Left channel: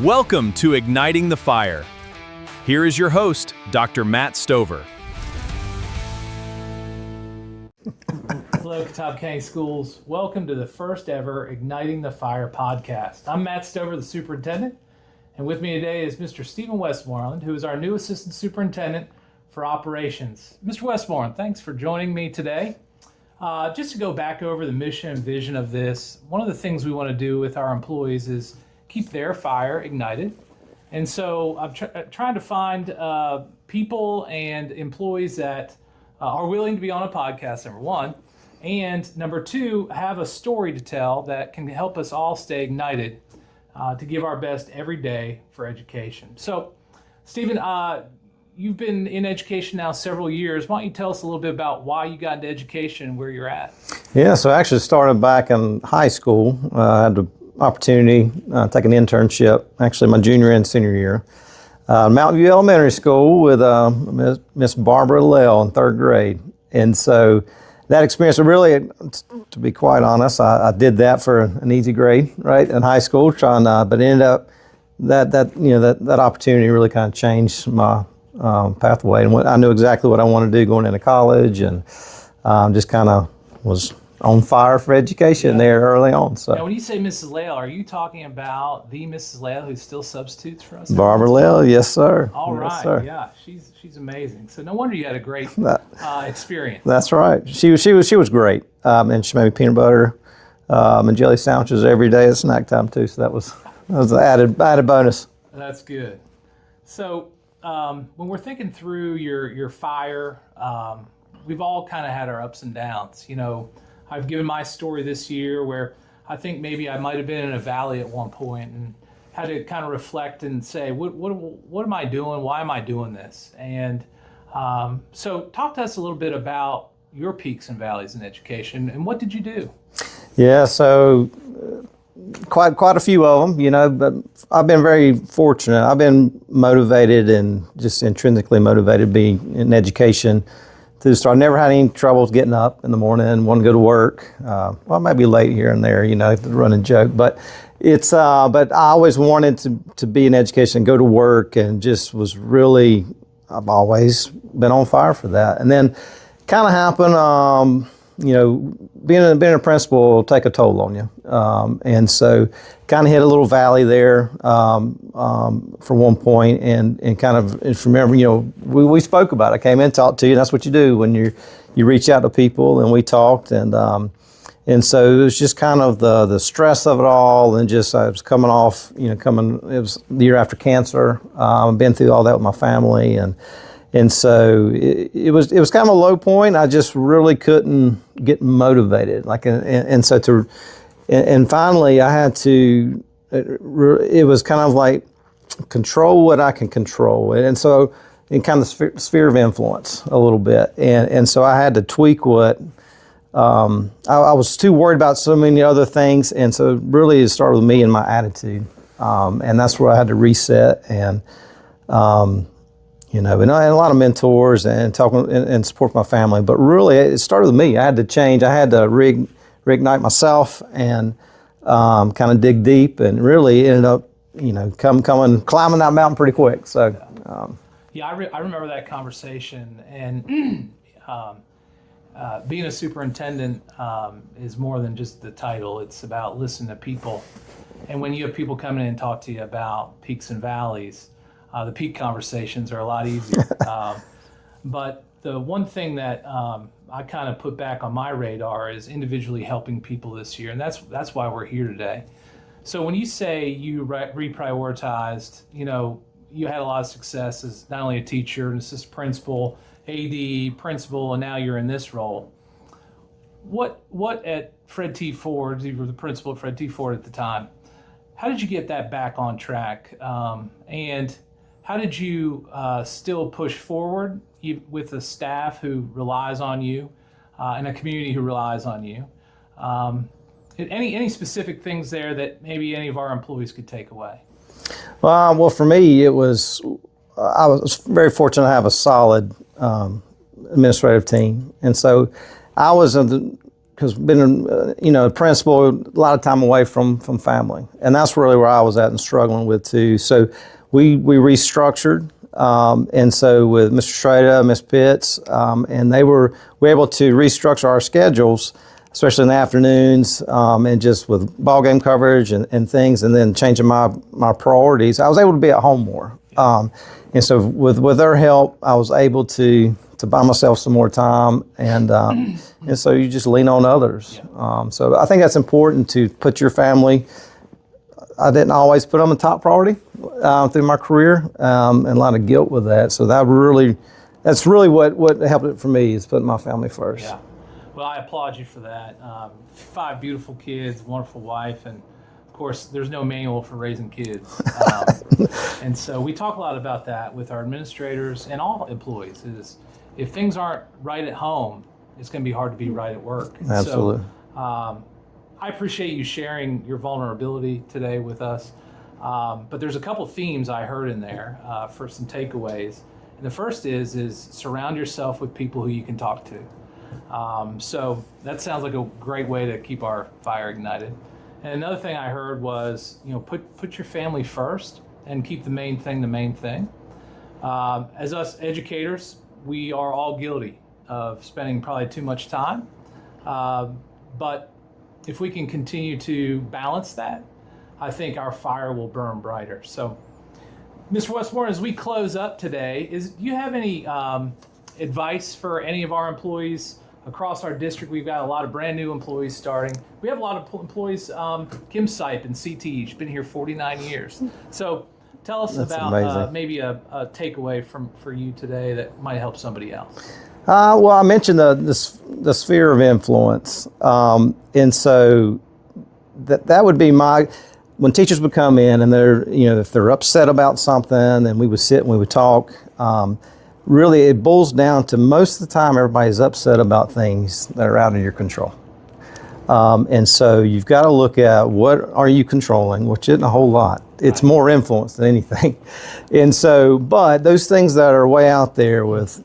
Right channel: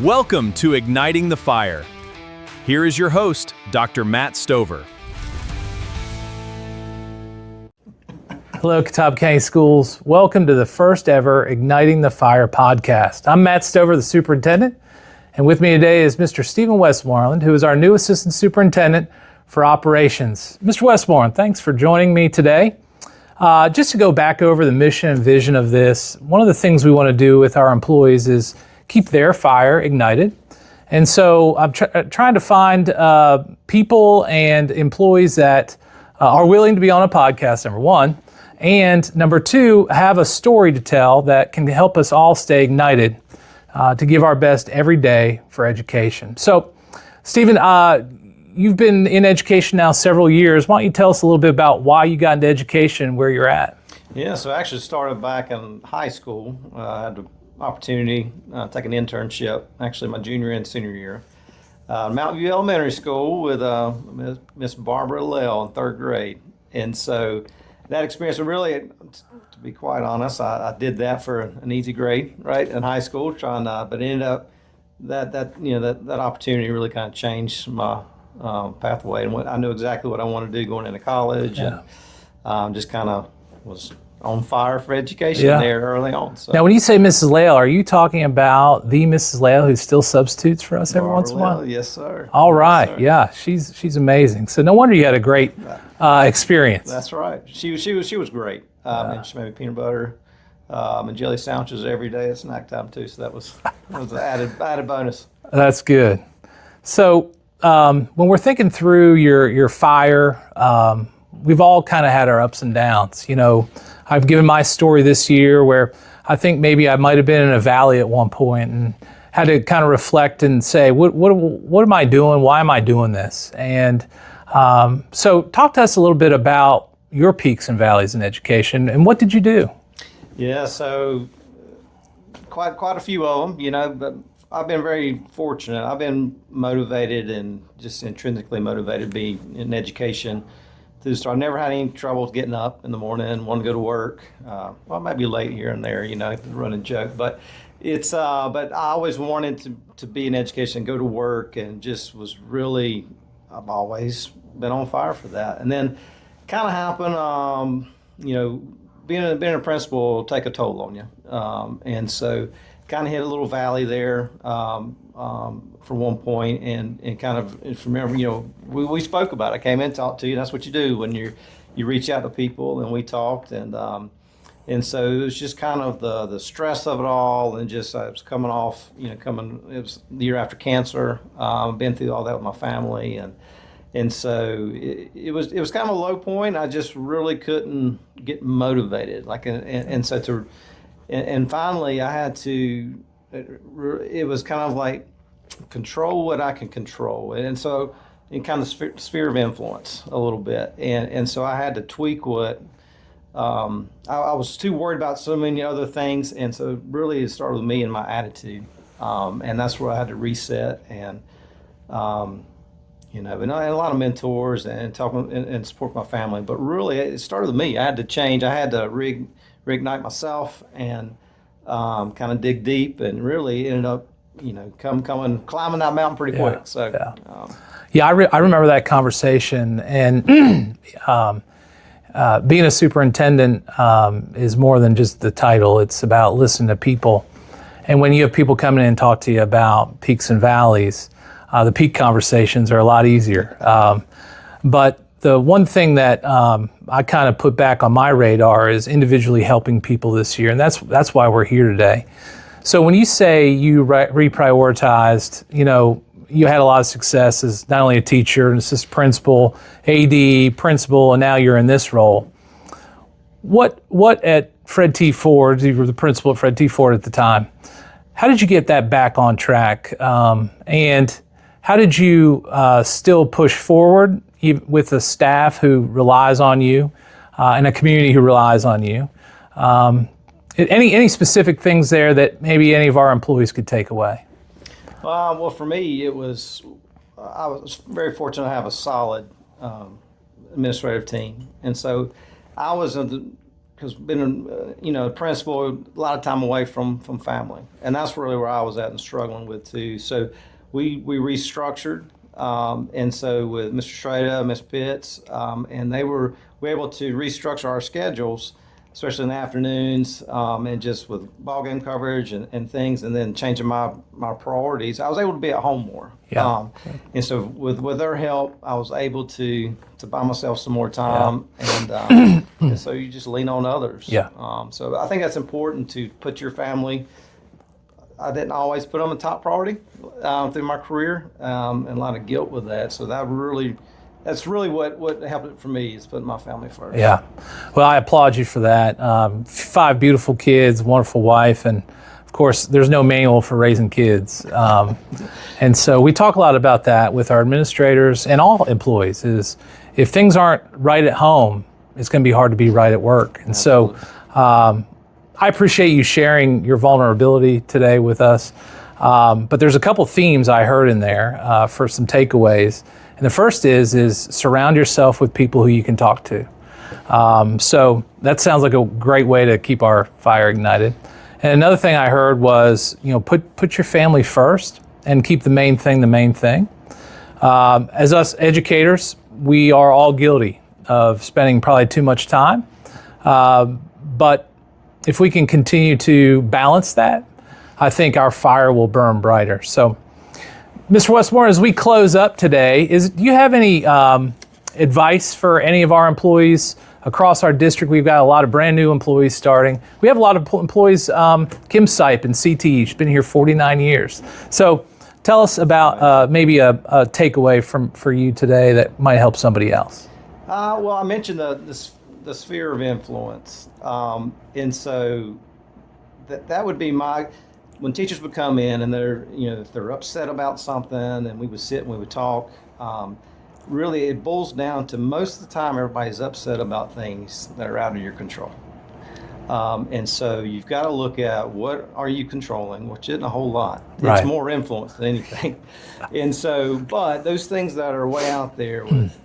Welcome to Igniting the Fire. Here is your host, Dr. Matt Stover. Hello, Catawba County Schools. Welcome to the first ever Igniting the Fire podcast. I'm Matt Stover, the superintendent, and with me today is Mr. Stephen Westmoreland, who is our new assistant superintendent for operations. Mr. Westmoreland, thanks for joining me today. Just to go back over the mission and vision of this, one of the things we want to do with our employees is keep their fire ignited. And so I'm trying to find people and employees that are willing to be on a podcast, number one, and number two, have a story to tell that can help us all stay ignited to give our best every day for education. So, Stephen, you've been in education now several years. Why don't you tell us a little bit about why you got into education and where you're at? Yeah, so I actually started back in high school. I had the opportunity to take an internship, actually my junior and senior year, Mountain View Elementary School with Miss Barbara Lell in third grade. And so that experience, really, to be quite honest, I did that for an easy grade, right, in high school, but ended up that opportunity really kind of changed my pathway, and I knew exactly what I wanted to do going into college, and just kind of was on fire for education there early on. So. Now, when you say Mrs. Lale, are you talking about the Mrs. Lale who still substitutes for us every once in a while? Barbara Lale, yes, sir. All right, yes, sir. Yeah, she's amazing. So no wonder you had a great experience. That's right. She was great, and she made me peanut butter and jelly sandwiches every day at snack time too. So that was an added bonus. That's good. So when we're thinking through your fire, we've all kind of had our ups and downs. You know, I've given my story this year where I think maybe I might have been in a valley at one point and had to kind of reflect and say, what am I doing? Why am I doing this? And so talk to us a little bit about your peaks and valleys in education, and what did you do? Yeah, so quite a few of them, you know, but I've been very fortunate. I've been motivated and just intrinsically motivated to be in education. I never had any troubles getting up in the morning and wanting to go to work. Well, maybe late here and there, you know, the running joke. But but I always wanted to be in education, go to work, and just was really, I've always been on fire for that. And then kind of happened, you know, being a principal will take a toll on you. And so kind of hit a little valley there for one point, and kind of, if you remember, you know, we spoke about it. I came in and talked to you. That's what you do when you reach out to people, and we talked, and so it was just kind of the stress of it all, and just I was coming off, you know, it was the year after cancer. Been through all that with my family, and so it was kind of a low point. I just really couldn't get motivated, and finally I had to. It was kind of like control what I can control, and so in kind of sphere of influence a little bit, and so I had to tweak what. I was too worried about so many other things, and so really it started with me and my attitude, and that's where I had to reset and. You know, and I had a lot of mentors and talking and support my family, but really it started with me. I had to change. I had to reignite myself and kind of dig deep, and really ended up, you know, climbing that mountain pretty quick. So, I remember that conversation, and being a superintendent is more than just the title. It's about listening to people, and when you have people coming in and talk to you about peaks and valleys. The peak conversations are a lot easier. But the one thing that I kind of put back on my radar is individually helping people this year, and that's why we're here today. So when you say you reprioritized, you know, you had a lot of success as not only a teacher, an assistant principal, AD, principal, and now you're in this role. What at Fred T. Ford, you were the principal at Fred T. Ford at the time, how did you get that back on track? And how did you still push forward with a staff who relies on you and a community who relies on you? Any specific things there that maybe any of our employees could take away? Well, for me, I was very fortunate to have a solid administrative team, and so I was because been a principal, a lot of time away from family, and that's really where I was at and struggling with too. So we restructured, and so with Mr. Strada, Ms. Pitts, and we were able to restructure our schedules, especially in the afternoons, and just with ball game coverage and things, and then changing my priorities. I was able to be at home more, and so with their help, I was able to buy myself some more time, and so you just lean on others. So I think that's important to put your family. I didn't always put them a top priority through my career, and a lot of guilt with that. So that's really what helped it for me, is putting my family first. Yeah. Well, I applaud you for that. 5 beautiful kids, wonderful wife, and of course, there's no manual for raising kids. And so we talk a lot about that with our administrators and all employees, is if things aren't right at home, it's going to be hard to be right at work. And Absolutely. so I appreciate you sharing your vulnerability today with us. But there's a couple themes I heard in there for some takeaways. And the first is surround yourself with people who you can talk to. So that sounds like a great way to keep our fire ignited. And another thing I heard was, put your family first and keep the main thing the main thing. As us educators, we are all guilty of spending probably too much time. But if we can continue to balance that, I think our fire will burn brighter. So, Mr. Westmoreland, as we close up today, do you have any advice for any of our employees across our district? We've got a lot of brand new employees starting. We have a lot of employees, Kim Sipe and CT, she's been here 49 years. So tell us about maybe a takeaway for you today that might help somebody else. Well, I mentioned the sphere of influence, and so that would be when teachers would come in and if they're upset about something, and we would sit and we would talk. Really, it boils down to, most of the time, everybody's upset about things that are out of your control. And so you've got to look at, what are you controlling, which isn't a whole lot. It's more influence than anything. And so, but those things that are way out there with,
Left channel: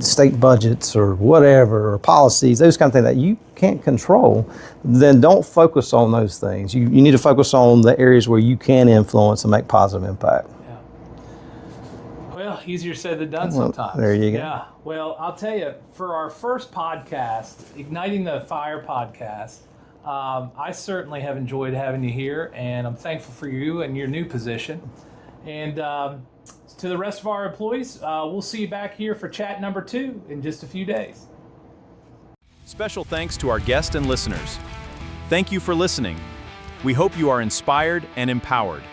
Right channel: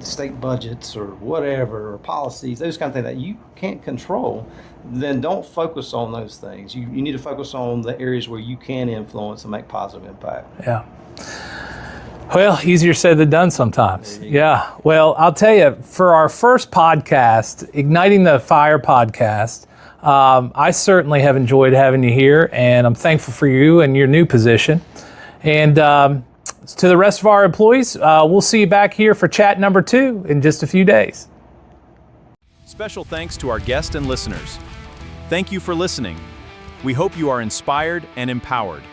state budgets or whatever, or policies, those kind of things that you can't control, then don't focus on those things. You need to focus on the areas where you can influence and make positive impact. Yeah. Well, easier said than done sometimes. There you go. Yeah. Well, I'll tell you, for our first podcast, Igniting the Fire podcast, I certainly have enjoyed having you here, and I'm thankful for you and your new position. And to the rest of our employees, we'll see you back here for chat number 2 in just a few days. Special thanks to our guests and listeners. Thank you for listening. We hope you are inspired and empowered.